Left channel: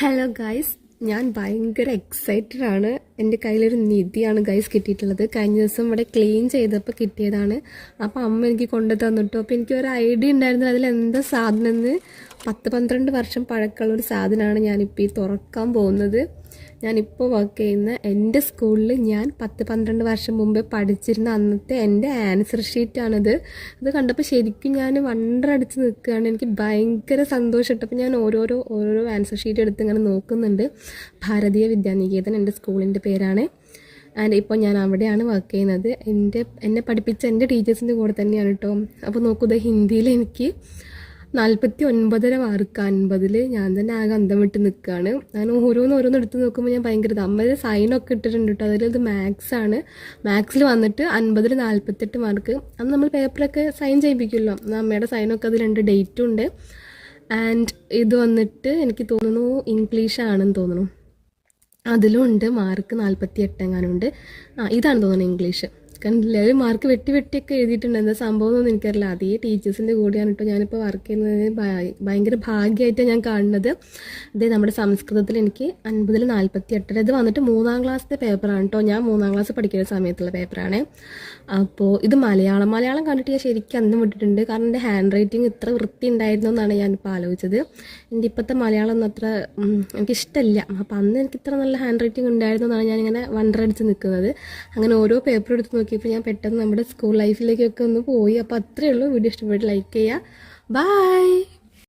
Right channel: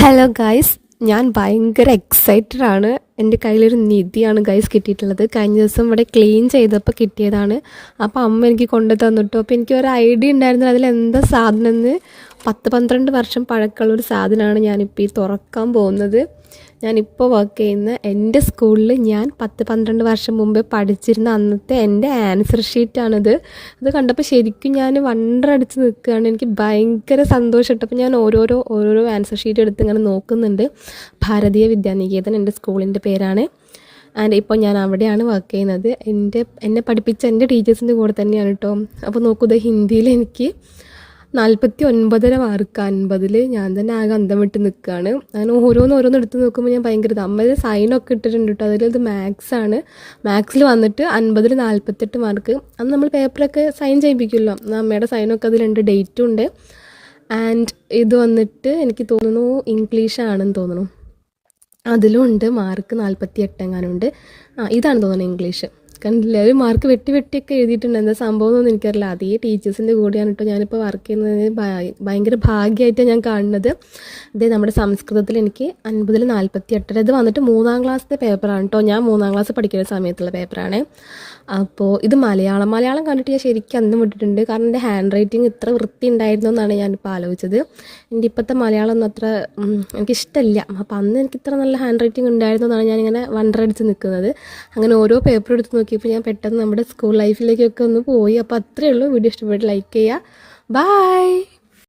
Hello guys, ഞാൻ ഭയങ്കര excited ആണ്. എൻ്റെ കയ്യിലൊരു നിധിയാണ് ഗൈസ് കിട്ടിയിട്ടുള്ളത്. കഴിഞ്ഞ ദിവസം ഇവിടെ ക്ലീൻ ചെയ്തപ്പോൾ കിട്ടിയതാണ്. അപ്പോൾ അമ്മ എനിക്ക് കൊണ്ടു തന്നിട്ടു. അപ്പോൾ എനിക്ക് ഒരു ഐഡിയ ഉണ്ടായിരുന്നു അതിലെന്താ സാധനം എന്ന്. 10-12 വർഷം പഴക്കമുള്ളൊരു സാധനമാണ് ഞാനിപ്പോൾ ഈ തുറക്കാൻ പോകുന്നത്. ഞാനിപ്പോൾ വർക്ക് ചെയ്യുന്ന എൻ്റെ സ്കൂളിൽ ഞാൻ 10-12 വർഷം മുമ്പേ പഠിച്ചിരുന്ന അന്നത്തെ എൻ്റെ ആൻസർ ഷീറ്റാണിത്. ഇത് കണ്ടപ്പോൾ ശരിക്കും ഞാൻ വണ്ടറടിച്ച് നിൽക്കുകയാണ്. എനിക്ക് ഭയങ്കര സന്തോഷം. അപ്പോൾ ഞാൻ ഓരോരോ ആൻസർ ഷീറ്റ് എടുത്ത് ഇങ്ങനെ നോക്കുന്നുണ്ട്. ഭാരതീയ വിദ്യാനികേതൻ എൻ്റെ സ്കൂളിൻ്റെ പേരാണ്. ആൻഡ് ഇപ്പോൾ ഞാൻ അവിടെയാണ് വർക്ക് ചെയ്യുന്നത്. എന്നെ പഠിപ്പിച്ച എൻ്റെ ടീച്ചേഴ്സിൻ്റെ കൂടെ തന്നെയാണ് കേട്ടോ. അപ്പോൾ നോക്കൂ, ഇത് ഹിന്ദിയിൽ എനിക്ക് 49 മാർക്ക് 50. ഞാൻ തന്നെ ആകെ അന്തം വിട്ട് നിൽക്കുകയാണ്. അങ്ങനെ ഓരോന്ന് എടുത്ത് നോക്കുമ്പോൾ ഞാൻ ഭയങ്കര അമ്മ സൈനൊക്കെ ഇട്ടിട്ടുണ്ട് കേട്ടോ. അതിലത് മാത്സാണ്. മാത്സിൽ വന്നിട്ട് 50-ൽ 48 മാർക്ക്. അന്ന് നമ്മൾ പേപ്പറൊക്കെ സൈൻ ചെയ്യിപ്പിക്കുമല്ലോ, അമ്മയുടെ സൈനൊക്കെ അതിലുണ്ട്, ഡേറ്റും ഉണ്ട്. ആൻഡ് ഇത് വന്നിട്ട് എനിക്ക് തോന്നുന്നു ഇംഗ്ലീഷാണെന്ന് തോന്നുന്നു, അതിലും ഉണ്ട് മാർക്ക് 48 എങ്ങാനുണ്ട്. ഇതാണ് തോന്നുന്നു ഇംഗ്ലീഷ്. കണ്ടില്ല, ഒരു മാർക്ക് വെട്ടിയൊക്കെ എഴുതിയിട്ടുണ്ട്. എന്താ സംഭവം എന്നൊന്നും എനിക്കറിയില്ല. അതേ ടീച്ചേഴ്സിൻ്റെ കൂടെയാണ് കേട്ടോ ഞാനിപ്പോൾ വർക്ക് ചെയ്യുന്നത്. ഭയങ്കര ഭാഗ്യമായിട്ടാണ് ഞാൻ കാണുന്നത്. ഇത് നമ്മുടെ സംസ്കൃതത്തിൽ എനിക്ക് 50-ൽ 48. ഇത് വന്നിട്ട് 3ാം ക്ലാസ്സിലെ പേപ്പറാണ് കേട്ടോ. ഞാൻ 3ാം ക്ലാസ് പഠിക്കുന്ന സമയത്തുള്ള പേപ്പറാണ്. അപ്പോൾ ഇത് മലയാളം കണ്ടിട്ട് ഞാൻ ശരിക്കും അന്തം വിട്ടിട്ടുണ്ട്. കാരണം എൻ്റെ ഹാൻഡ് റൈറ്റിംഗ് ഇത്ര വൃത്തി ഉണ്ടായിരുന്നു എന്നാണ് ഞാനിപ്പോൾ ആലോചിച്ചത്. എൻ്റെ ഇപ്പോഴത്തെ മലയാളം ഒന്നും അത്ര എനിക്കിഷ്ടമില്ല. അപ്പോൾ അന്ന് എനിക്ക് ഇത്ര നല്ല ഹാൻഡ് റൈറ്റിംഗ് ഉണ്ടായിരുന്നു എന്നാണ് ഞാനിങ്ങനെ വണ്ടറടിച്ച് നിൽക്കുന്നത്. അങ്ങനെ ഓരോ പേപ്പർ എടുത്ത് നോക്കിയപ്പോൾ ഞാൻ പെട്ടെന്ന് നമ്മുടെ സ്കൂൾ ലൈഫിലേക്കൊക്കെ ഒന്ന് പോയി. അപ്പോൾ അത്രയേ ഉള്ളൂ. വീഡിയോ ഇഷ്ടപ്പെട്ട് ലൈക്ക് ചെയ്യുക. ബൈ.